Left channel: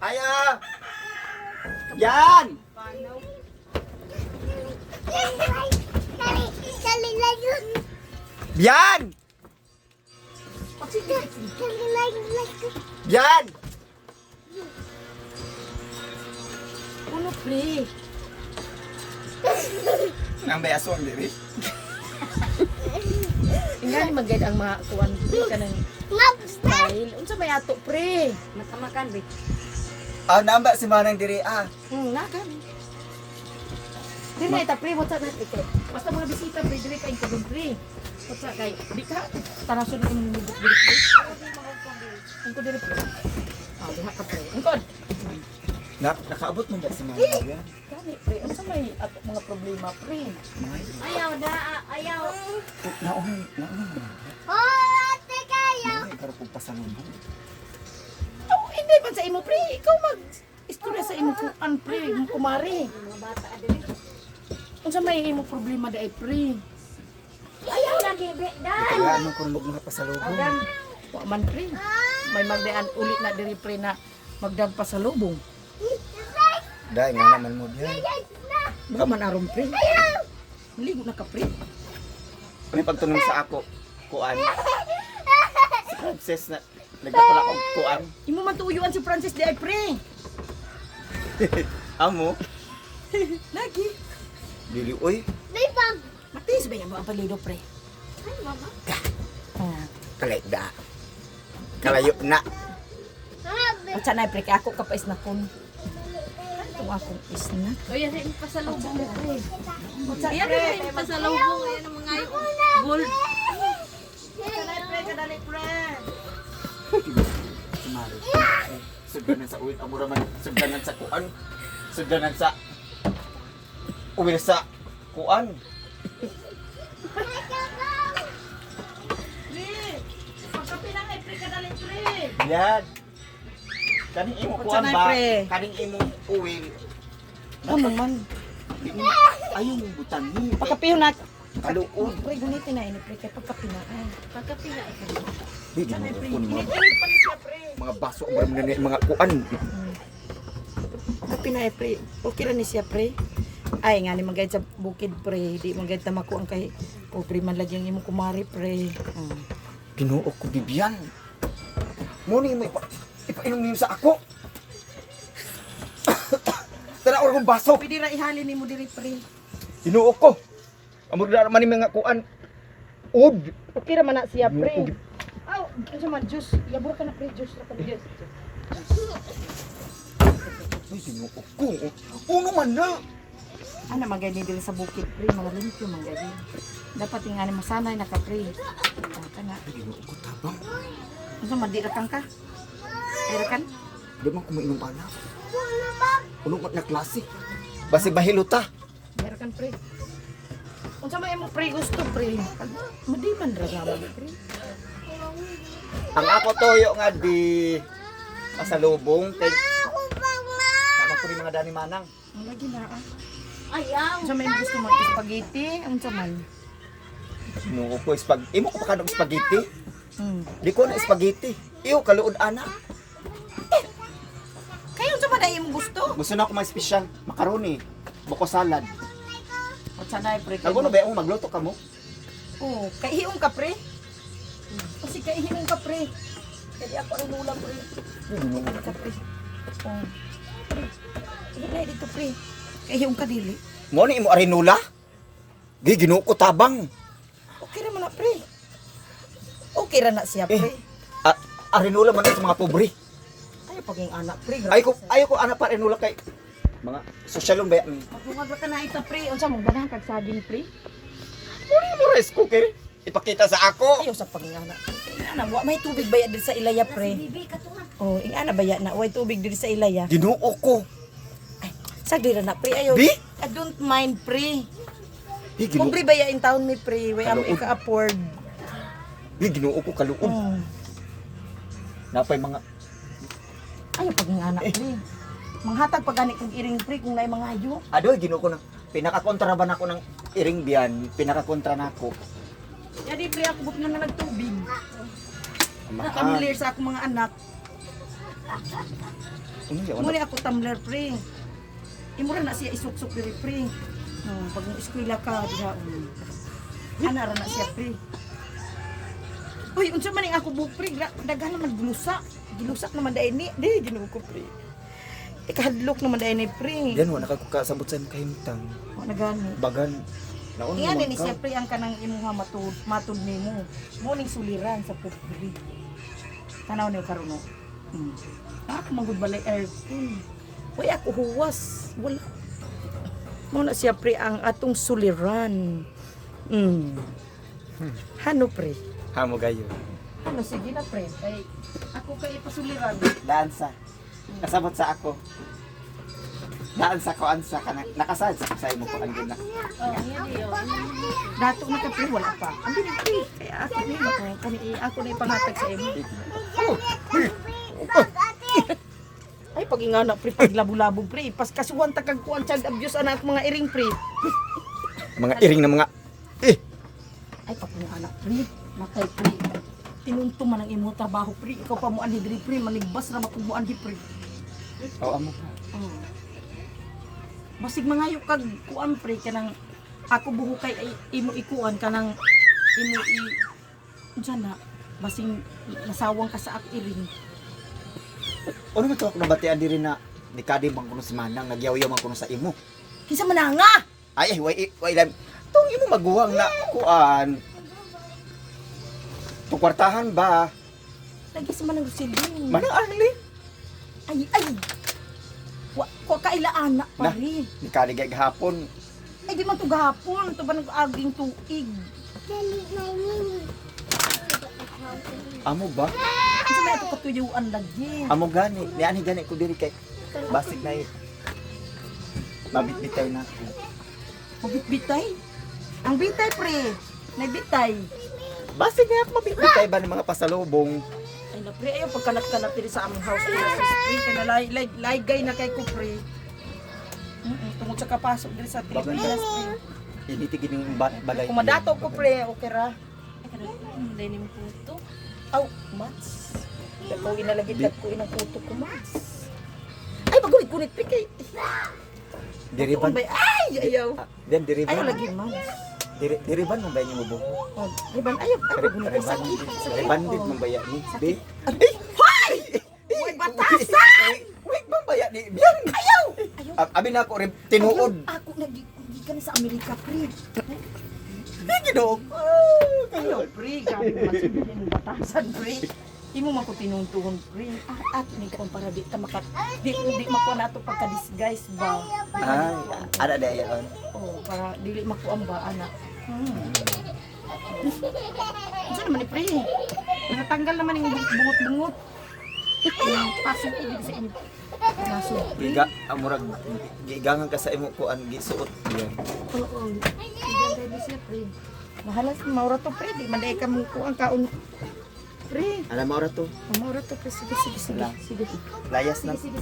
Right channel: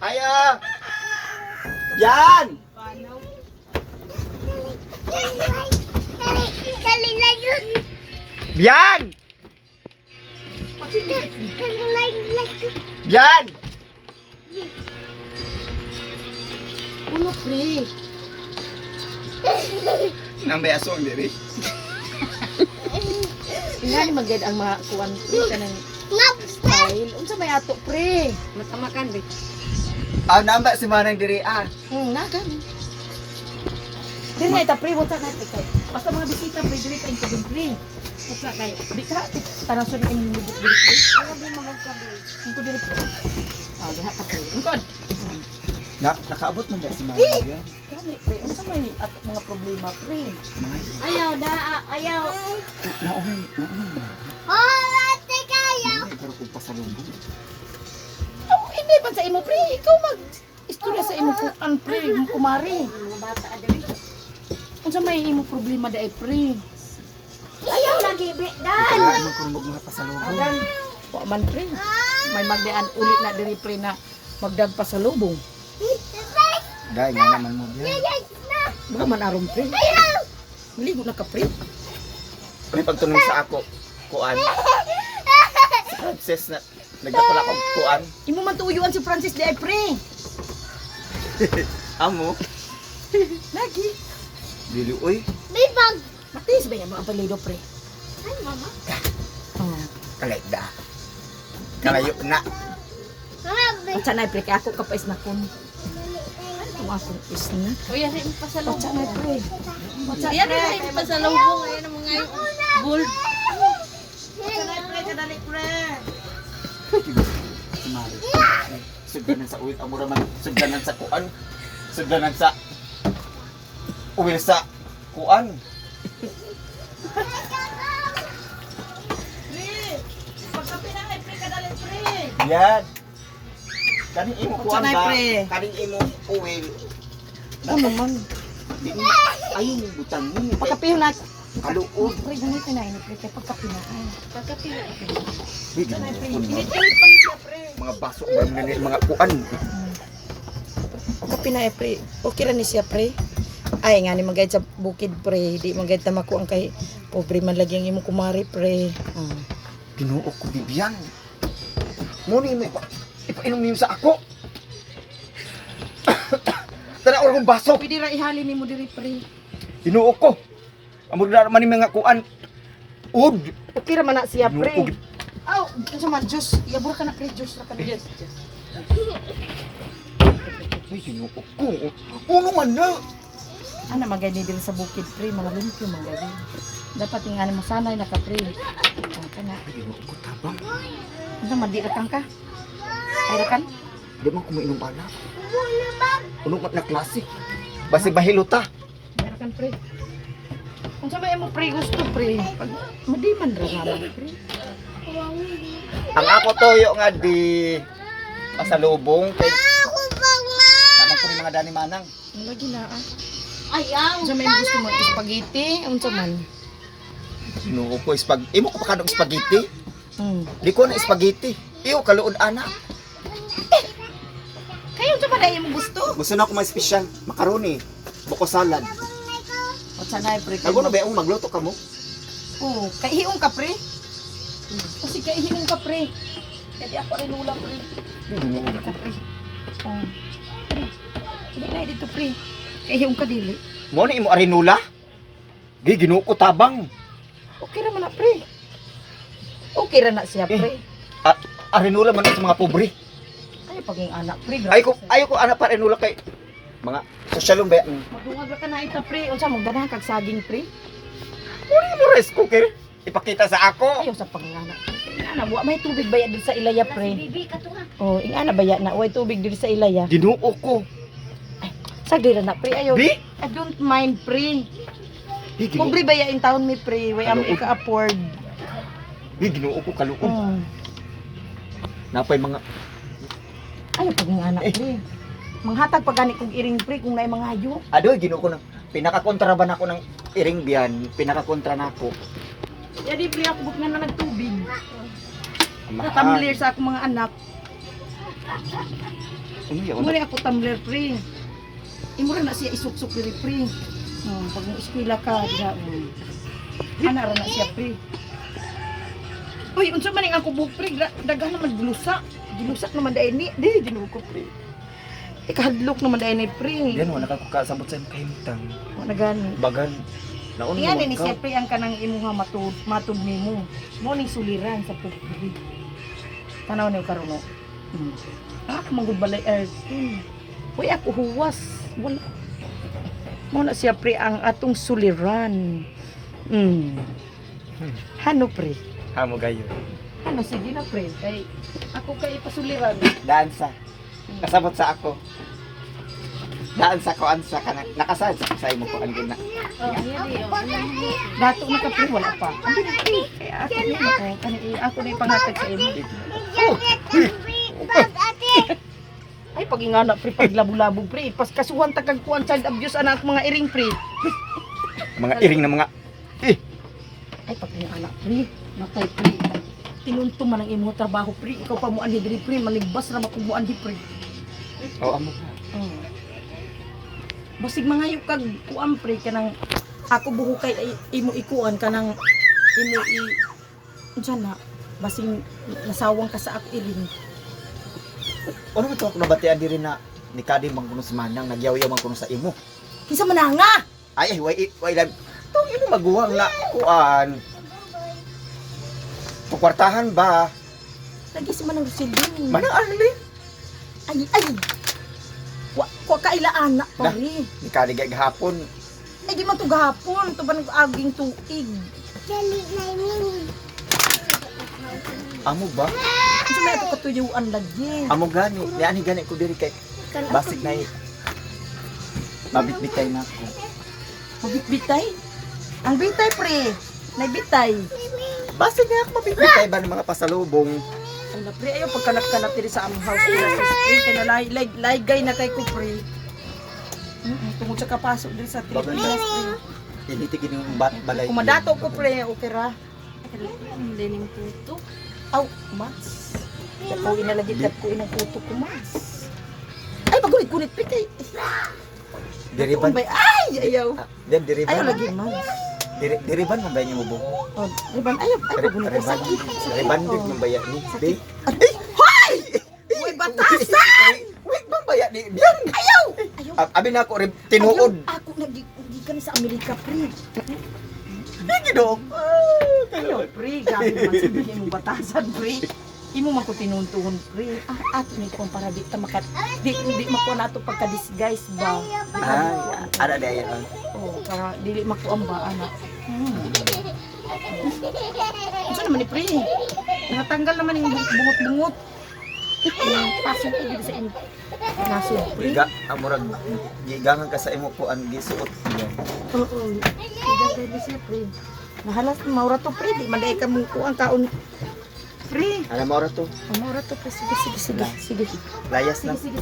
Ayaw! Yan! Yan! Yan! Uno, pre. Nang may aswang diri. Nga ni magad ang mga kuwan pre ka ng style. Unsa may ato, pre? Matamakan, pre. Ah, namba si Manang diri ah. Nagan. Dili na ita, pre. Wata na ita. Basta mga bisita, pre. Dili ka yung pre. Wata kay. Bita, taraso na yung lubot dili, pre. Ang ko dili, pre. Ah, diha pa, pre. Ang ko. Nakaabot mo ba si Manang yan? Kani, pre. Unsa may ato mga problema, pre? Ayaw na, ayaw. Naunay. Naunay, para kong pasalubong. Oh, hindi man sa imo, pre. Ikaw istorya sa imo kuan, pre. Yung kumari. Mga bata adiri. Unsa may imo problema dai, pre? Ayaw lagi, be. Kaya man kung mga pasalubong. Wa man, pre. May magdaan ulit na diri, pre, na magdag pasalubong. Dahil nga naman mo yan. Baka man aron, pre. Maligo na ka, pre. May pagtunong sa ako, kuan. Si Frances na nagdapala ko kuan. Imo man tuyuan si Francis dai, pre. Amo, Lagi. dili oy. Matis ba yung mga palido, pre? Ay, mama. Oh. Kalayda. Da. Kalayo na. At sana, pre, kaya ako kapais na kun. Itong akong isna. O yan ay pasalubong. At sana, pre. Yan ay pasalubong. Ayan ang mga gold. Si Mari. Sugdanan sa uwit. Amura man. Sugdanan sa kuan. Sugdanan sa uwi sa kuan. Yan. Kaning imo kuan Sanay, ba? pre. Kaning imo uwi. Ano man? Di mo ayun butan ni. Pagkapiyo na. Kaluod. Pre, gamitin na ini, pre. Kaya pagkapiyo na ay. Pagkapila. Di mo. Pinipilit pa siya, pre. Mga baso ba mga kuan. Pagkapiyo na, pre. Okay ra ni siya, pre. Ay, nga ni magayad sa bukid, pre. Di magayad na makuang kay pobre man lagi ang imo kumari, pre. Ginoo ko Bibian. Mo ni mo ipainom niyo sa ako. Tara or kong baso. Pwede ra ihalin ni mo diri, pre. Ginoo ko. Amo man ni mga kuan. Ud. Okay ra man na siya, Ginoo pre. ko. Aw, ano man, juice. Yabur ka na, pre. Juice ra ka na. Uy, ginoo ko. Uno man na. Ano magay ni diri sa bukid, pre. Mga limpyo, mga gawin. Dapat yung ani masanay na ka, pre. Kana. Ginoo ko tabang. Ano man, di rakang ka? Ay rakan? Di man ko mainom ana. Uno man na klase. Basi bahiluta. Ay rakan, pre. Kung sa may mo, pre, gusto, pre. Pag madiman ra naman, pre. Ang ako toyo nga di pasalubong kay Tama ko ni mga dani manang. Lagi na, ah. Ayaw. Kung sa may gusto mo, spaghetti, unsa man. Ginoo ko imo ko pa kanong spaghetti. Hmm. Di ko na spaghetti. Iyo kaluod ana. Kayo, unsa man ay mo gusto? Gusto na ako mga special macaroni, buko salad. O sanay, pre. Kago na ba ako magluto ka mo? Oo, kaihiong ka, pre. Kasi kaihiong ka, pre. Kaya ako rin ulam, pre. Ka, pre. Oo. Pre. Hindi na dito, pre. Kaihiong ka, dili. Mo ni imo arinula? Gi ginoo ko tabang. Okay ra man na, pre. Okay ra na siya, pre. Arinula man sa mga pobre. Ay, paging anak, pre. Ayo ko ana pa arinula kay mga sosyalong ba yan? Magdungag ra ka na ito, pre. Unsa mong ganahan kag saging, pre? Muna mo rice cooker. Ipakita sa ako. Ayaw sa paging anak. Ingana, wa may tubig baya diri sa ilaya, pre. Oh, ingana baya na way tubig diri sa ilaya. Ginoo ko. Sagdi ra na, pre. Ayaw. Di? I don't mind, pre. Gi ginoo. Pobre baya in town mi, pre. Way am ika-afford. Gi ginoo ko kaluod. Napay mga Ayaw paging anak, pre. Manghatag pa gani kong iring, pre, kung may mga hayo. adoy ginoo ko na pinakakontra ba nako ng iring diyan, pinakakontra nako. Yadi, pre, ako buk nga na nagtubig. Tumbler sa akong mga anak. Unya, Muna ako tumbler, pre. Imura na siya isuksok diri, pre. Pag mo eskwela ka, diha. Ana ra na siya, pre. Uy, unsa man ning ako buhok, pre? Daghan naman gilusa. Gilusak naman dai ni. Di ginuko, pre. Ikahadlok naman dai ni, pre. Yan wala ka kasabot sa kahimtang. O na gani. Bagan. Naon Iyan naman ni ka. siya, pre, ang kanang imuha matud nimo. Mo ning suliran sa pupuri. Tanaw niyo karon no. Ako manggod balay Uy, ako huwas. Wala. Mo na siya, pre, ang atong suliran. Hano, pre? Hamo gayo. Ano, sige na, pre. Kay, ako kay pasuliran. Dansa. Kasabot sa ako. Daan sa ko ansa ka na nakasad sa imo ko ang gina. Oh, hindi yun. Dato na ka, pre, wala pa. Ang pre. Kaya ako ni ako. Ako na ipanghatag sa imo. Ay, pag ingana, pre, pag labo-labo, pre. Pas kasuhan takag kuan child abuse anak mga iring, pre. Mga iring na mga Ay, pag ingana, pre. Matay, pre. Tinunto man ang imo trabaho, pre. Ikaw pa mo anhi diri, pre. Maligbas na makubuan di, pre. oh amo ka. Oh. Basig mga kag kuan, pre, kanang ako buhukay ay imo ikuan kanang imo unsa na basig nasawang ka sa ako iring. Ano man to ako mabatian diri na ni kadi man kuno si manang nagyaw-yaw man kuno sa imo. Kinsa man nga? Ay way lang. Tong imo maguwang na kuan. Tukwartahan ba? Lagi si manang Rosilin. Manang Arlene. Ay. Wa kaila anak pa ri. Ni kadi gay gahapon. Ay di man to gahapon, to ba nag-aging tuig. Amo ba? Kinsa may ato katuyuan lagi. Amo gani. Ni ani gani ko diri kay basig na mabitbitay na ako. Mabitbitay? Ang bitay, pre. Naibitay. Basig na ako mabitbitay ba ng mga pasalubong. Ay na, pre. Ayaw pagkanap-kanap diri sa among house. Pre, kaya na laygay na kay ko, pre. Tungod sa kapasok diri sa Pilipinas, pre. Initigin yung balay. Kung madato ko, pre, okay ra. Hindi ning puto. Aw, mas. Dako inalagit ko inang kuto ko, mas. Ay, magunit-gunit, pre, kay. Diriban. Ay, ayaw. Then diriban. Ayaw lagi, mas. Diriban man ba niyo mo buho? Oh, riban, ayaw. Ay, magunit ko sakit. Diriban din man ba ya ni? Be. Ay, hoy! Uy, batasan! Wait man ba ya ni? Biyan. Ayaw! Ayaw. Abi na ako rin tinuod. Ayaw, ako hindi ka na sa Amerika, pre. Di gidog. Ayaw, pre. Gabi naman sabihin mo batasan, pre. Imo man ko tinuntuhon, pre. Ato ni ko para di ta makat di makuha nato pagka-disguise ba. Ada da yan. Oh, para dili makuha ba anak. Unsa naman ni pre? Natanggal naman yung bungot-bungot. Pasok ko dito sa inyo. Nasod, pre. Giga amurag gigangan ka sa imo ko ang gisuot. Oo. Ganda ni siya, pre. Nahalas maura to, pre. Di man dai ka mo ko ang kaon. Pre. Alam mo ra to. Maura to, pre. Sige. Layas na. Sige.